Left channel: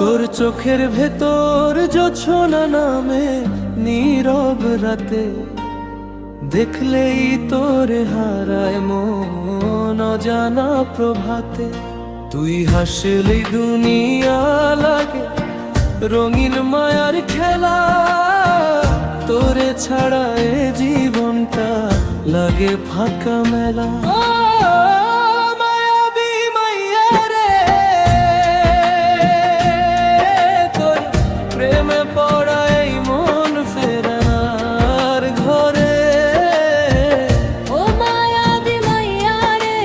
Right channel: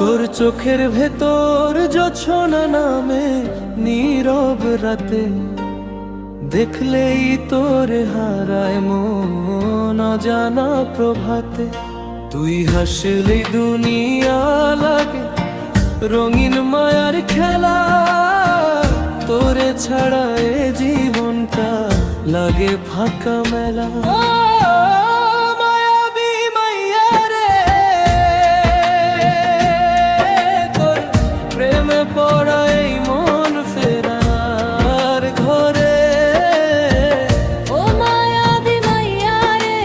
তোর চোখের ভেতর জোছনা নামে নীরব রাতে, দেখলেই তোরে হারায় মন অজানা প্রভাতে। তুই হাসলেই দুনিয়া লাগে রঙিন মায়ার খেলা, তোরে ছাড়া এ জীবনটা লাগে ফাঁকা মেলা। মায়াবী মাইয়া রে, তোর প্রেমে পড়া এই মন ফেরার ঘরে। ও মায়াবী মাইয়া রে,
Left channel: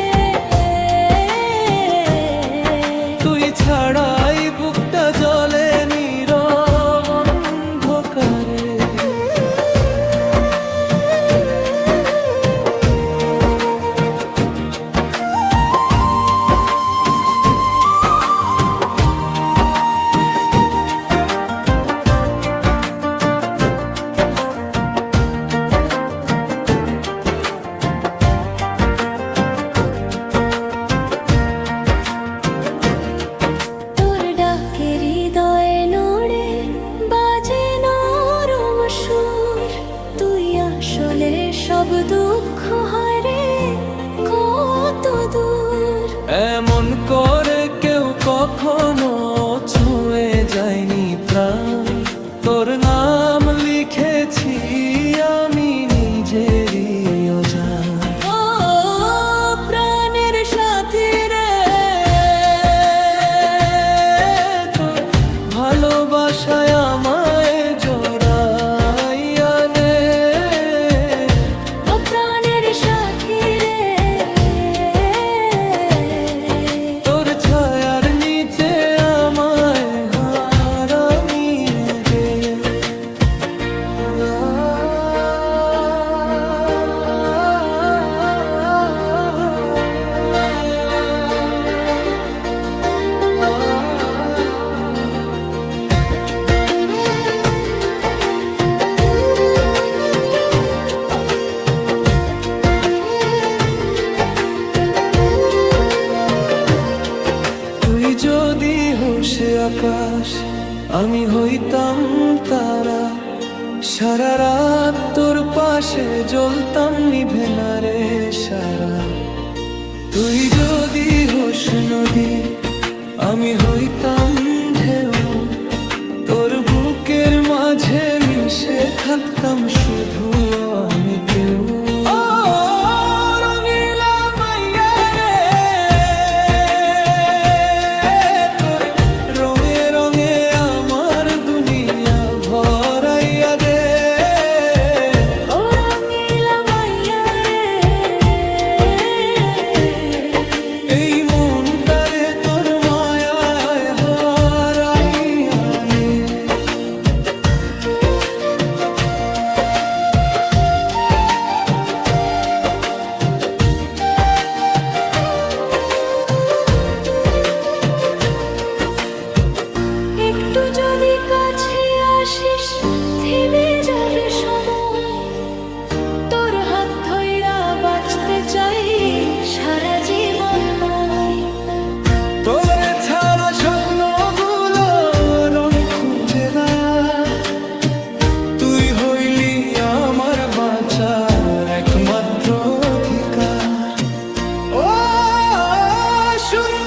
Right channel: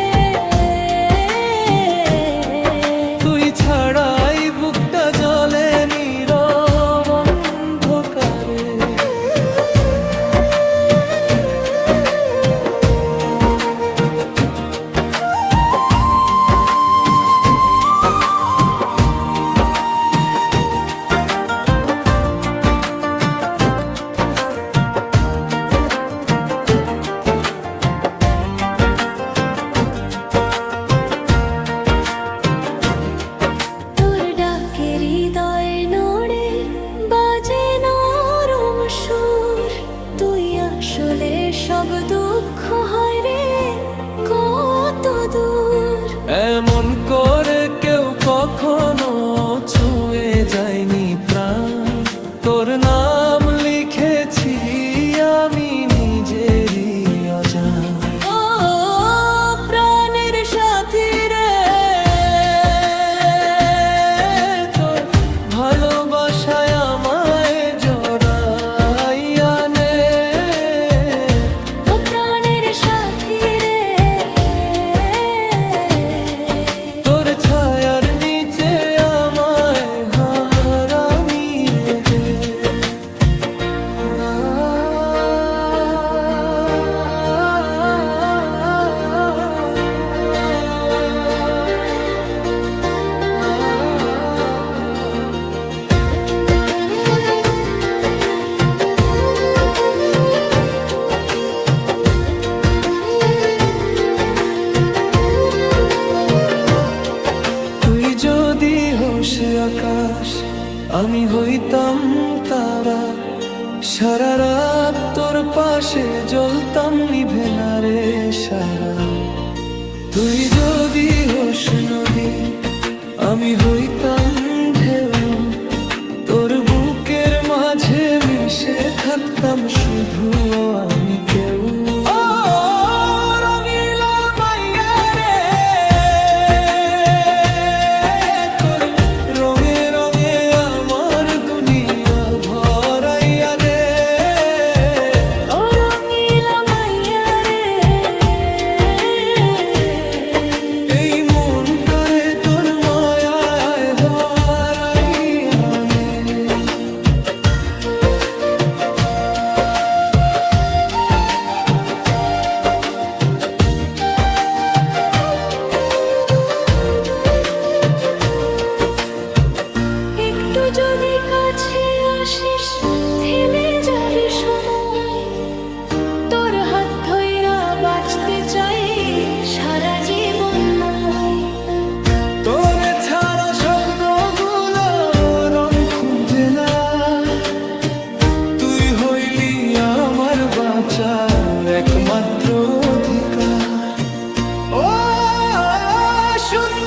তুই ছাড়াই বুকটা জ্বলে নীরব অন্ধকারে। তোর ডাকে হৃদয়ে নড়ে বাজে নরম সুর। তুই আসলে সব দুঃখ হয় রে কত দূর। এমন করে কেউ কখনো ছুঁয়ে যায়নি প্রাণ, তোর নাম লিখেছি আমি নিজেরই অজান। ও প্রাণের সাথী রে, তোর ভালোবাসায় আমায় জড়াইয়া নে। ও প্রাণের সাথী রে, তোর ছায়ার নিচে আমায় হারামিয়ে দে। তুই যদি হোস আকাশ, আমি হইতাম তারা, সারা রাত তোর পাশে জ্বলতাম নিভে না রে সারা। তুই যদি হোস নদী, আমি হইতাম ঢেউ, তোর বুকের মাঝে মিশে থাকতাম শুধু আমি কেউ। ও রঙিলা মাইয়া রে, তোর রঙে রঙে আমার দুনিয়া ভরাইয়া দে। ও রঙিলা মাইয়া রে, এই মনটারে তোর মায়ায় হারাইয়া নে। একটু যদি কাছে আসিস থেমে যাবে সময়। তোর হাত ধইরা বাঁচতে চাই সারা জীবনময়। তোরে ছাড়া স্বপ্নগুলো রং খুঁজে না, তুই হইলি আমার বাঁচার একমাত্র অধিকার। ও সুন্দর